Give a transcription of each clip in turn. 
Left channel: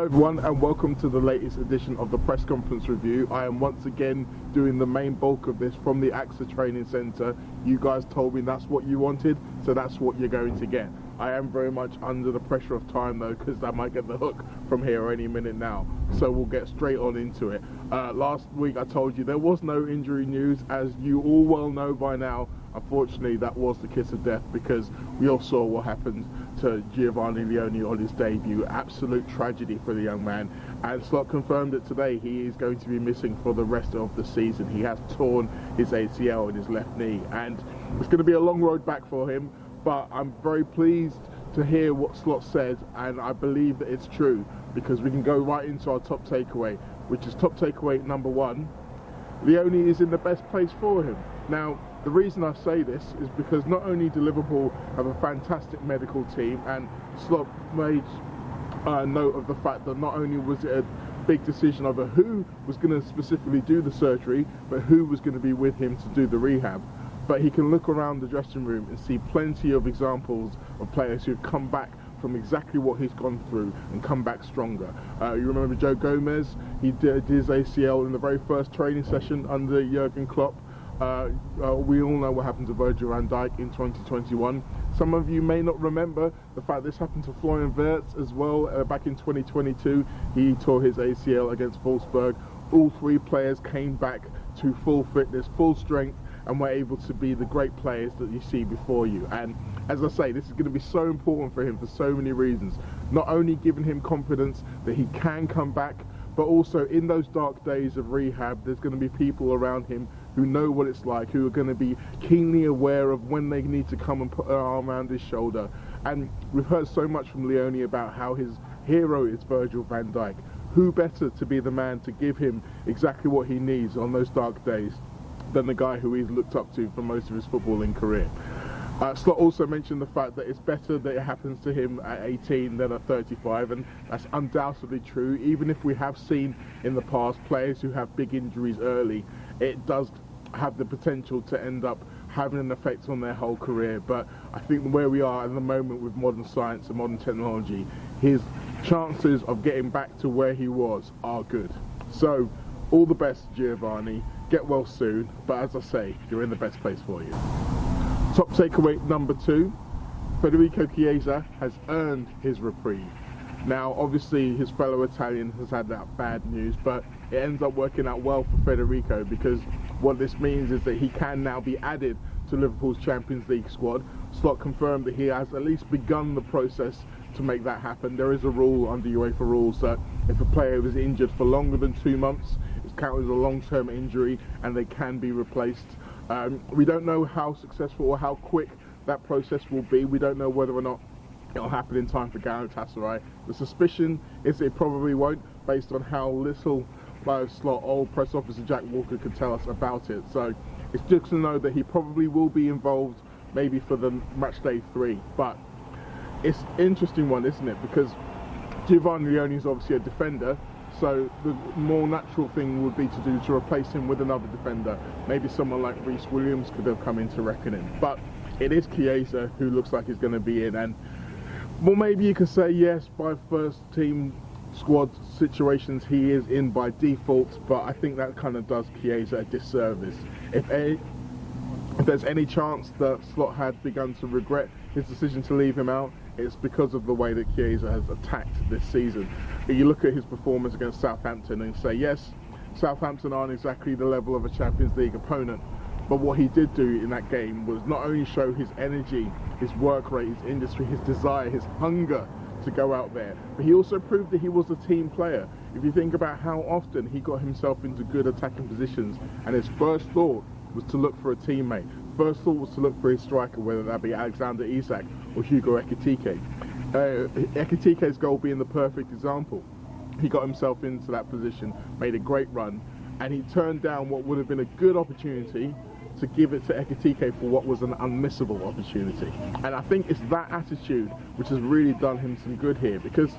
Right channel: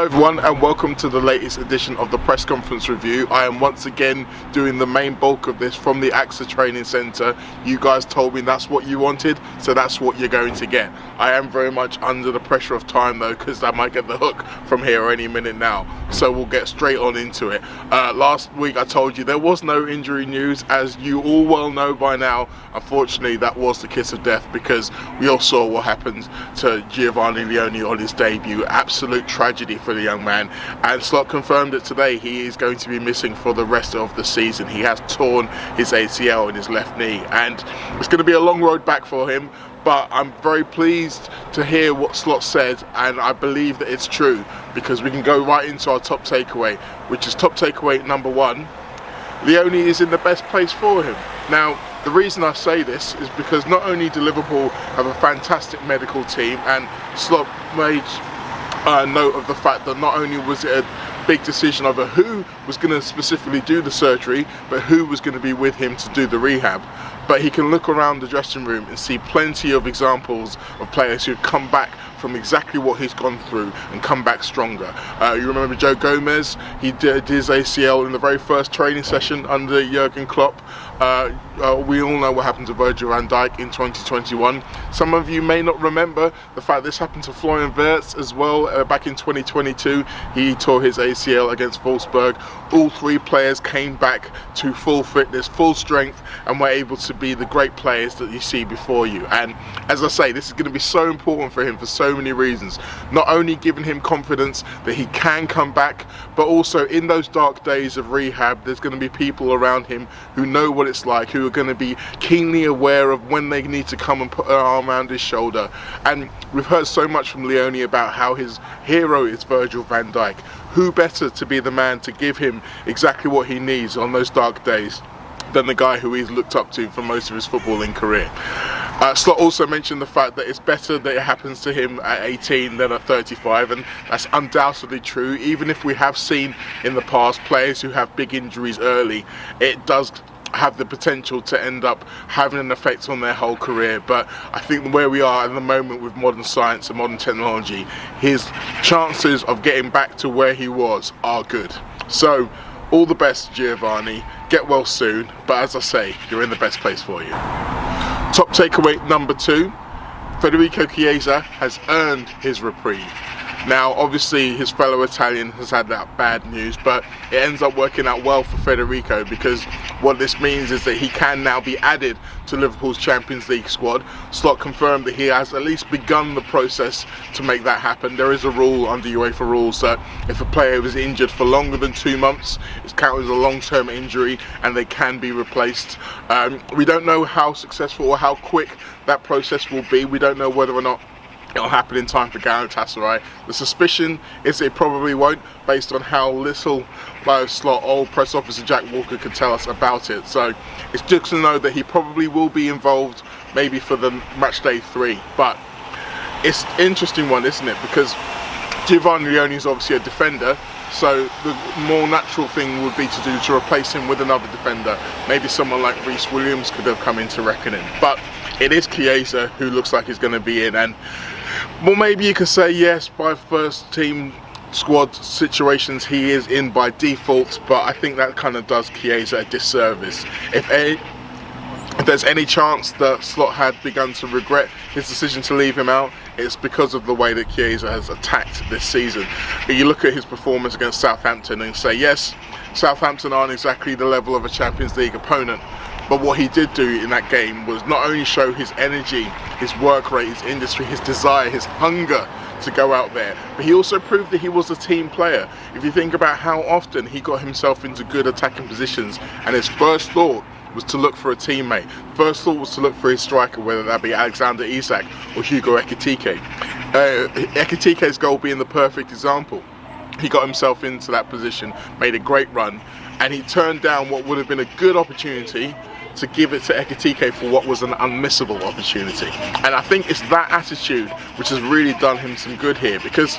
Hello everyone and welcome to the latest edition of the press conference review. I am once again doing the main bulk of this from the AXA training centre. You guys told me that's what you wanted, so that's what you're going to get. I am very much under the pressure of time though, because I might get the hook from here any minute now, so we'll get straight on into it. Last week I told you there was no injury news, as you all well know by now. Unfortunately that was the kiss of death, because we all saw what happened to Giovanni Leoni on his debut. Absolute tragedy for the young man, and Slot confirmed it today. He is going to be missing for the rest of the season. He has torn his ACL in his left knee, and it's going to be a long road back for him. But I'm very pleased to hear what Slot said, and I believe that it's true, because we can go right into our top takeaway, which is top takeaway number one. Leoni is in the best place for him. Now, the reason I say this is because not only do Liverpool have a fantastic medical team, and Slot made note of the fact that not only was it a big decision over who was going to specifically do the surgery, but who was going to be with him to do the rehab. But he can look around the dressing room and see plenty of examples of players who've come back from exactly what he's gone through and come back stronger. You remember Joe Gomez? He did his ACL in the very first training session under Jurgen Klopp. We all know what happened to Virgil van Dijk in 2021. Some of you may not remember the fact this happened to Florian Wirtz as well back in 2022. He tore his ACL against Wolfsburg. All three players came back to full fitness, full strength, and were able to be the great players that you see before you. And as I say, this is going to be so important for him for so many reasons. Not only giving him confidence that he can come back, but also in those dark days of rehab, there's going to be people around him who know what it's like, who are going to be keenly aware of when they need to come and put an arm around his shoulder. And we've heard so much from Leoni about how his hero is Virgil van Dijk. Who better to be the man to give him exactly what he needs on those dark days than the guy who he's looked up to for most of his footballing career. Slot also mentioned the fact that it's better that it happens to him at 18 than at 35, and that's undoubtedly true. Even if we have seen in the past players who have big injuries early, it does have the potential to end up having an effect on their whole career. But I think where we are at the moment with modern science and modern technology, his chances of getting back to where he was are good. So all the best, Giovanni. Get well soon, but as I say, you're in the best place for you. Top takeaway number two, Federico Chiesa has earned his reprieve. Now, obviously, his fellow Italian has had that bad news, but it ends up working out well for Federico, because what this means is that he can now be added to Liverpool's Champions League squad. Slot confirmed that he has at least begun the process to make that happen. There is a rule under UEFA rules that if a player is injured for longer than 2 months, it's counted as a long-term injury and they can be replaced. We don't know how successful or how quick that process will be. We don't know whether or not it'll happen in time for Galatasaray. The suspicion is it probably won't, based on how little Slot or press officer Jack Walker could tell us about it. So it's just to know that he probably will be involved, maybe for the match day 3. But it's an interesting one, isn't it? Because Giovanni Leoni is obviously a defender, so the more natural thing would be to replace him with another defender. Maybe someone like Reece Williams could have come into reckoning. But it is Chiesa who looks like he's going to be in, and well, maybe you could say yes, by first team squad situations he is in by default, but I think that kind of does Chiesa a disservice. If there's any chance that Slot had begun to regret his decision to leave him out, it's because of the way that Chiesa has attacked this season. You look at his performance against Southampton and say, yes, Southampton aren't exactly the level of a Champions League opponent, but what he did do in that game was not only show his energy, his work rate, his industry, his desire, his hunger to go out there, but he also proved that he was a team player. If you think about how often he got himself into good attacking positions, and his first thought was to look for a teammate. First thought was to look for his striker, whether that be Alexander Isak or Hugo Ekitike. Ekitike's goal being the perfect example. He got himself into that position, made a great run, and he turned down what would have been a good opportunity to give it to Ekitike for what was an unmissable opportunity. And I think it's that attitude which has really done him some good here, because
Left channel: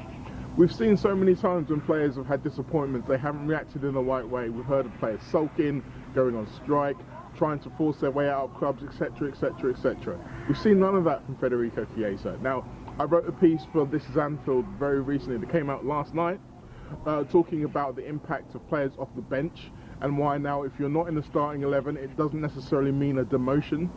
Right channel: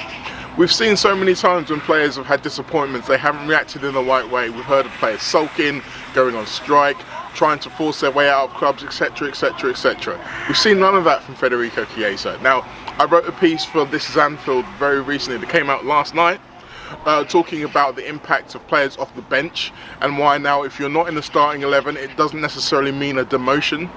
we've seen so many times when players have had disappointments, they haven't reacted in the right way. We've heard of players sulking, going on strike, trying to force their way out of clubs, etc, etc, etc. We've seen none of that from Federico Chiesa. Now, I wrote a piece for This Is Anfield very recently that came out last night, talking about the impact of players off the bench and why now if you're not in the starting 11 it doesn't necessarily mean a demotion.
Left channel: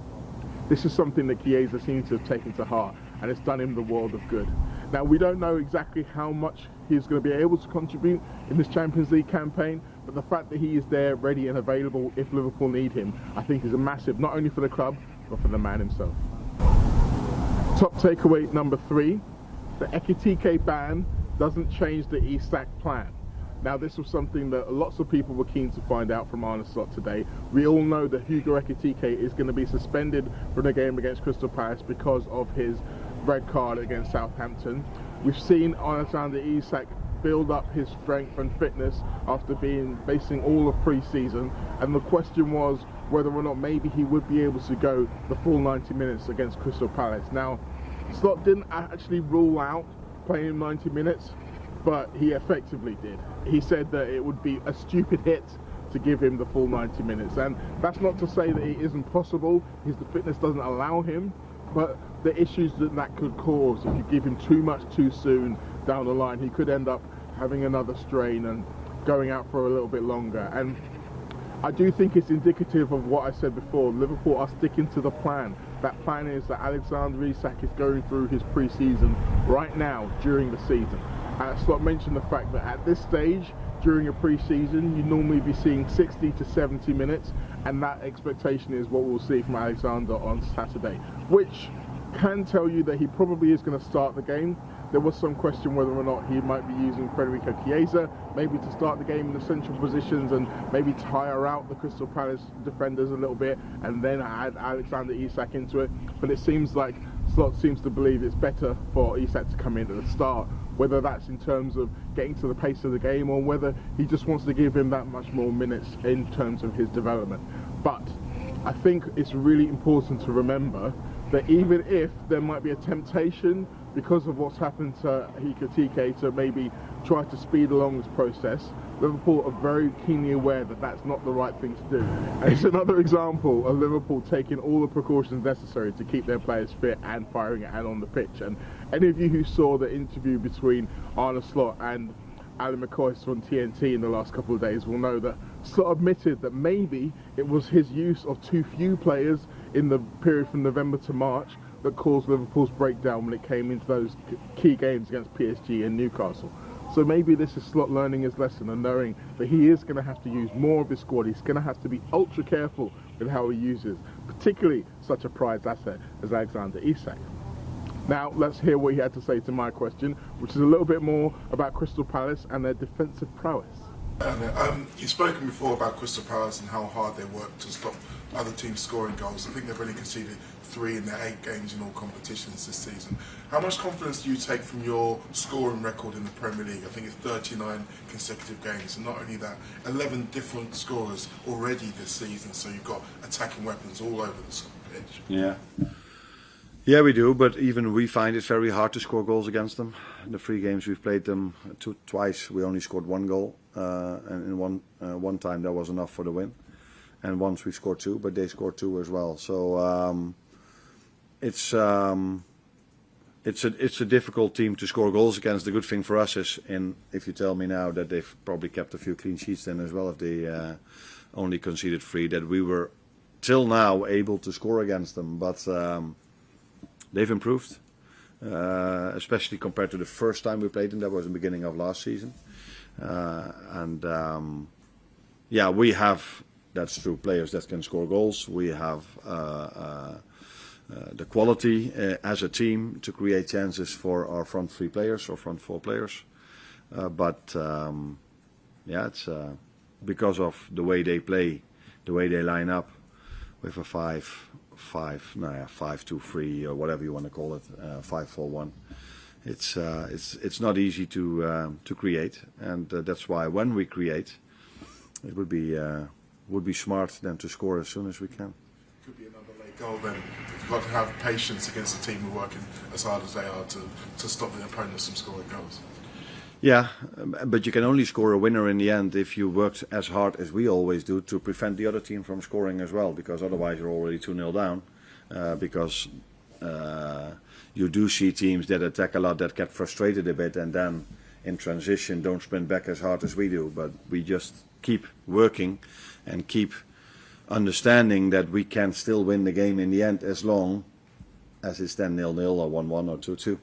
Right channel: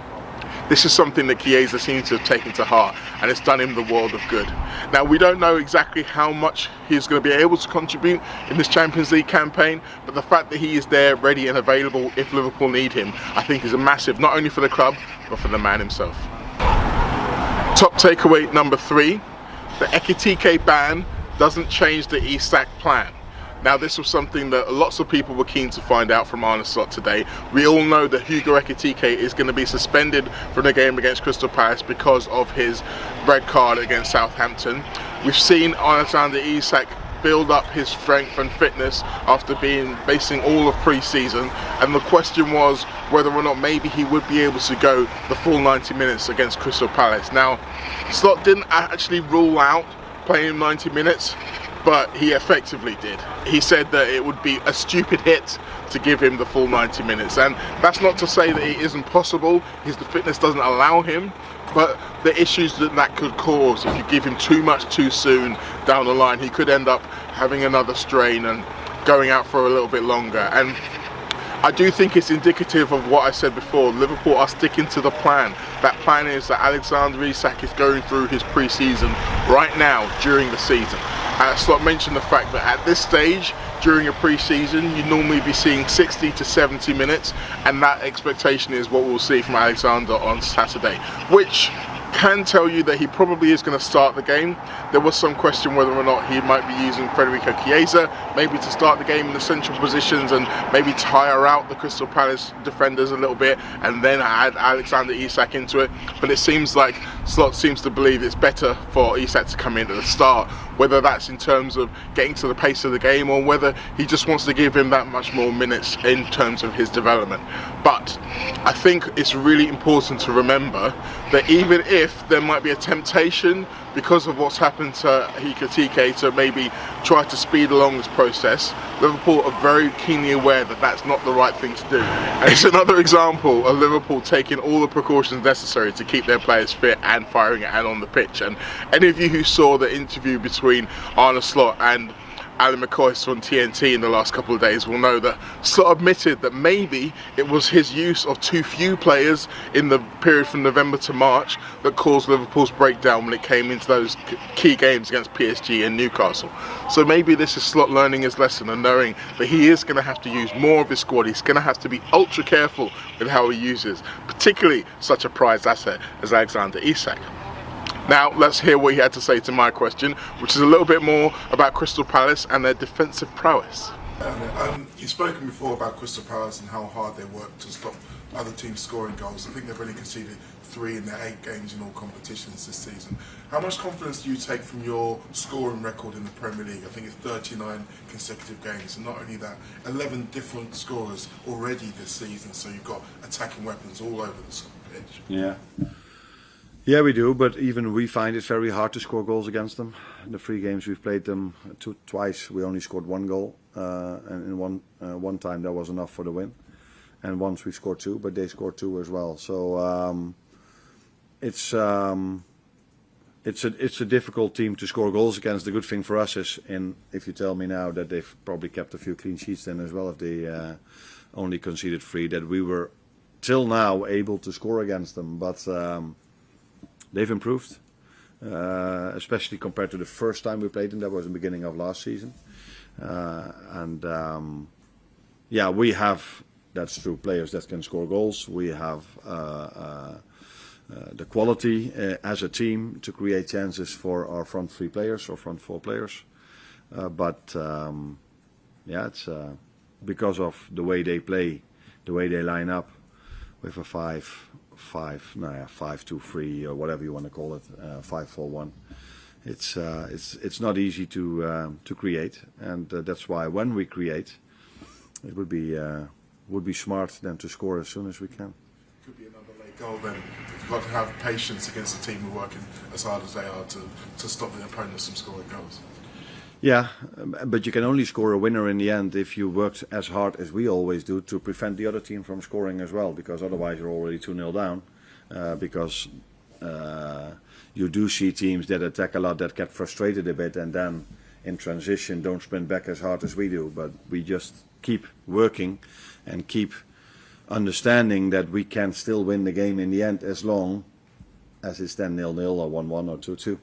This is something that Chiesa seems to have taken to heart, and it's done him the world of good. Now, we don't know exactly how much he's going to be able to contribute in this Champions League campaign, but the fact that he is there, ready and available if Liverpool need him, I think is a massive, not only for the club, but for the man himself. Top takeaway number 3, the Ekitike ban doesn't change the Isak plan. Now, this was something that lots of people were keen to find out from Arne Slot today. We all know that Hugo Ekitike is going to be suspended from the game against Crystal Palace because of his red card against Southampton. We've seen Alexander Isak build up his strength and fitness after basing all of pre-season, and the question was whether or not maybe he would be able to go the full 90 minutes against Crystal Palace. Now, Slot didn't actually rule out playing him 90 minutes, but he effectively did. He said that it would be a stupid hit to give him the full 90 minutes, and that's not to say that it isn't possible. The fitness doesn't allow him, but the issues that could cause if you give him too much too soon down the line, he could end up having another strain and going out for a little bit longer. And I do think it's indicative of what I said before. Liverpool are sticking to the plan. That plan is that Alexander Isak is going through his pre-season right now during the season. Slot mentioned the fact that at this stage during a pre-season you normally be seeing 60 to 70 minutes, and that expectation is what we'll see from Alexander on Saturday, which can tell you that he probably is going to start the game. There was some question whether or not he might be using Federico Chiesa maybe to start the game in the central positions and maybe tire out the Crystal Palace defenders a little bit and then add Alexander Isak into it. But it seems like Slot seems to believe it's better for Isak to come in at the start, whether that's in terms of getting to the pace of the game or whether he just wants to give him that much more minutes in terms of his development. But I think it's really important to remember that even if there might be a temptation because of what's happened to Ekitike to maybe try to speed along this process, Liverpool are very keenly aware that that's not the right thing to do. And it's another example of Liverpool taking all the precautions necessary to keep their players fit and firing and on the pitch. And any of you who saw the interview between Arne Slot and Alan McCoy on TNT in the last couple of days will know that Slot admitted that maybe it was his use of too few players in the period from November to March that caused Liverpool's breakdown when it came into those key games against PSG and Newcastle. So maybe this is Slot learning his lesson and knowing that he is going to have to use more of his squad. He's going to have to be ultra careful with how he uses, particularly such a prized asset as Alexander Isak. Now let's hear what he had to say to my question, which is a little bit more about Crystal Palace and their defensive prowess. You've spoken before about Crystal Palace and how hard they work to stop other teams scoring goals. I think they've only conceded 3 in their 8 games in all competitions this season. How much confidence do you take from your scoring record in the Premier League? I think it's 39 consecutive games, and not only that, 11 different scorers already this season, so you've got attacking weapons all over the pitch. Yeah, we do, but even we find it very hard to score goals against them. In the 3 games we've played them twice, we only scored 1 goal, and in one time that was enough for the win. And once we scored 2, but they scored 2 as well. So it's a difficult team to score goals against. The good thing for us is, if you tell me now that they've probably kept a few clean sheets then as well, if they only conceded 3, that we were till now able to score against them, but. They've improved, especially compared to the first time we played them. That was the beginning of last season. Yeah, we have, that's true, players that can score goals. We have the quality as a team to create chances for our front 3 players or front 4 players. Yeah, it's because of the way they play, the way they line up with a 5-2-3 or whatever you want to call it, 5-4-1. It's not easy to create, and that's why when we create, it would be smart then to score as soon as we can. Could be another late goal then. You've got to have patience against a team who are working as hard as they are to stop the opponents from scoring goals. Yeah, but you can only score a winner in the end if you worked as hard as we always do to prevent the other team from scoring as well, because otherwise you're already 2-0 down. Because you do see teams that attack a lot that get frustrated a bit, and then in transition don't sprint back as hard as we do, but we just keep working and keep understanding that we can still win the game in the end as long as it's then 0-0 or 1-1 or 2-2.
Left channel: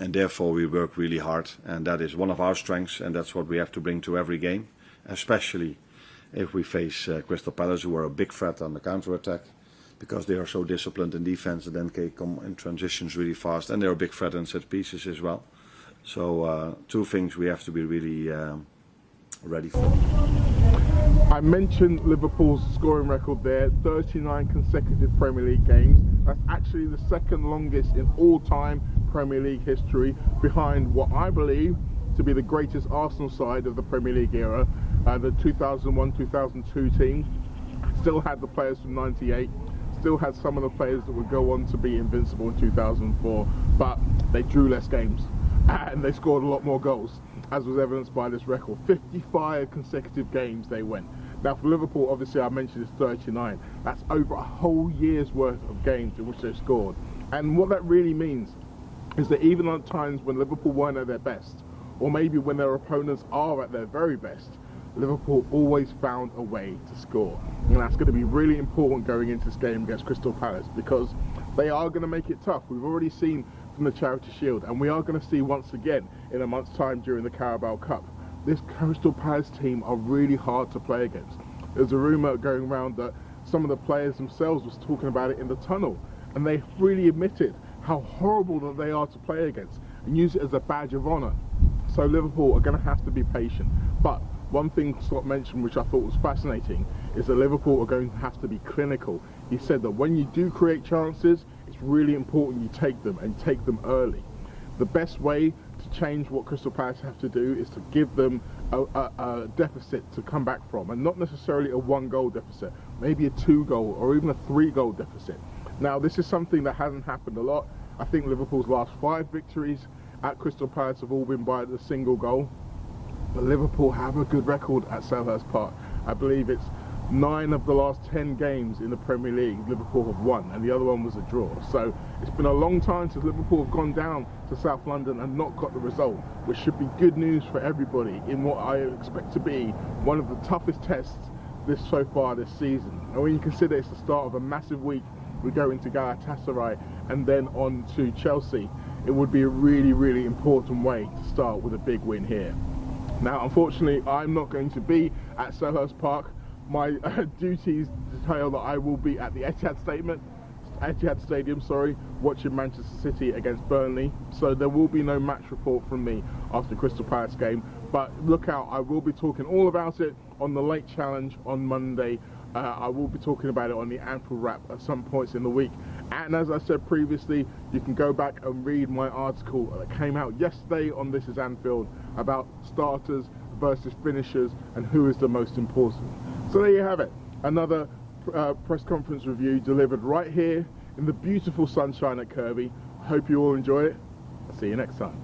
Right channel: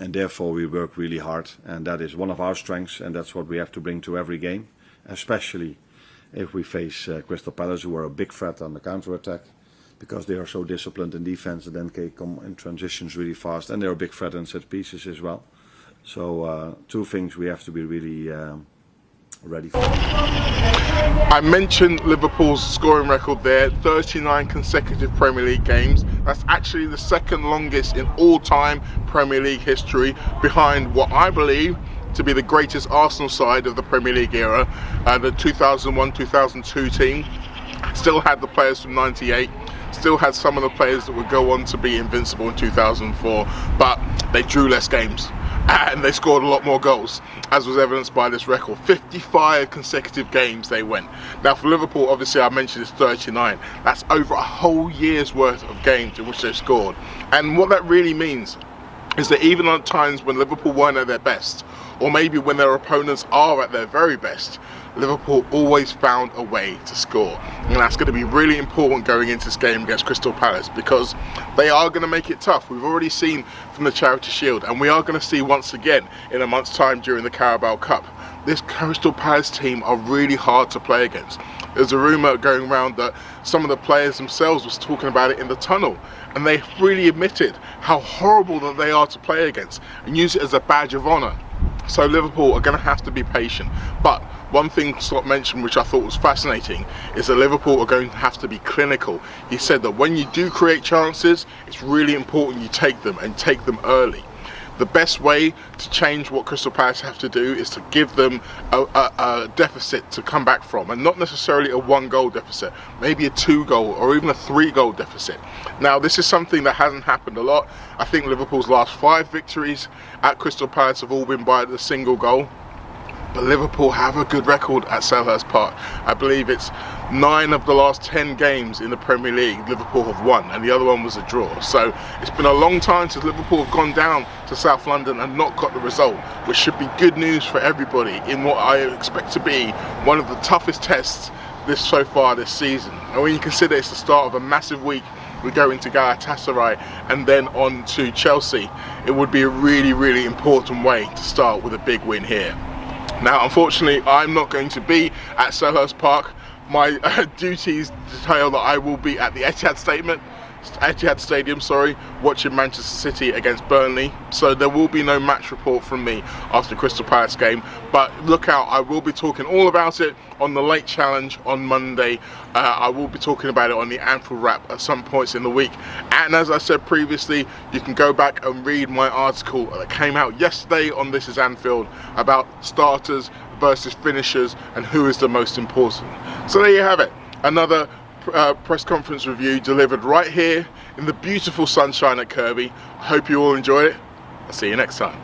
And therefore we work really hard, and that is one of our strengths, and that's what we have to bring to every game, especially if we face Crystal Palace, who are a big threat on the counter-attack, because they are so disciplined in defense and then can come in transitions really fast, and they're a big threat in set pieces as well. So two things we have to be really ready for. I mentioned Liverpool's scoring record there, 39 consecutive Premier League games. That's actually the second longest in all-time Premier League history, behind what I believe to be the greatest Arsenal side of the Premier League era. The 2001-2002 team still had the players from '98, still had some of the players that would go on to be invincible in 2004, but they drew less games and they scored a lot more goals, as was evidenced by this record. 55 consecutive games they went. Now for Liverpool, obviously I mentioned it's 39. That's over a whole year's worth of games in which they've scored. And what that really means is that even on times when Liverpool weren't at their best, or maybe when their opponents are at their very best, Liverpool always found a way to score. And that's going to be really important going into this game against Crystal Palace, because they are going to make it tough. We've already seen from the Charity Shield, and we are going to see once again in a month's time during the Carabao Cup. This Crystal Palace team are really hard to play against. There's a rumour going around that some of the players themselves was talking about it in the tunnel, and they freely admitted how horrible that they are to play against and use it as a badge of honour. So Liverpool are going to have to be patient. But one thing Slot mentioned, which I thought was fascinating, is that Liverpool are going to have to be clinical. He said that when you do create chances, it's really important you take them, and take them early. The best way to change what Crystal Palace have to do is to give them a deficit to come back from, and not necessarily a 1-goal deficit, maybe a 2-goal or even a 3-goal deficit. Now this is something that hasn't happened a lot. I think Liverpool's last 5 victories at Crystal Palace have all been by a single goal. But Liverpool have a good record at Selhurst Park. I believe it's 9 of the last 10 games in the Premier League Liverpool have won, and the other one was a draw. So it's been a long time since Liverpool have gone down to South London and not got the result, which should be good news for everybody in what I expect to be one of the toughest tests so far this season. And when you consider it's the start of a massive week, we go into Galatasaray and then on to Chelsea, it would be a really, really important way to start with a big win here. Now, unfortunately, I'm not going to be at Selhurst Park. My duties detail that I will be at the Etihad Stadium, watching Manchester City against Burnley. So there will be no match report from me after the Crystal Palace game. But look out, I will be talking all about it on the Late Challenge on Monday. I will be talking about it on the Anfield Wrap at some points in the week. And as I said previously, you can go back and read my article that came out yesterday on This Is Anfield about starters versus finishers and who is the most important. So there you have it. Another press conference review delivered right here in the beautiful sunshine at Kirkby. I hope you all enjoy it. I'll see you next time.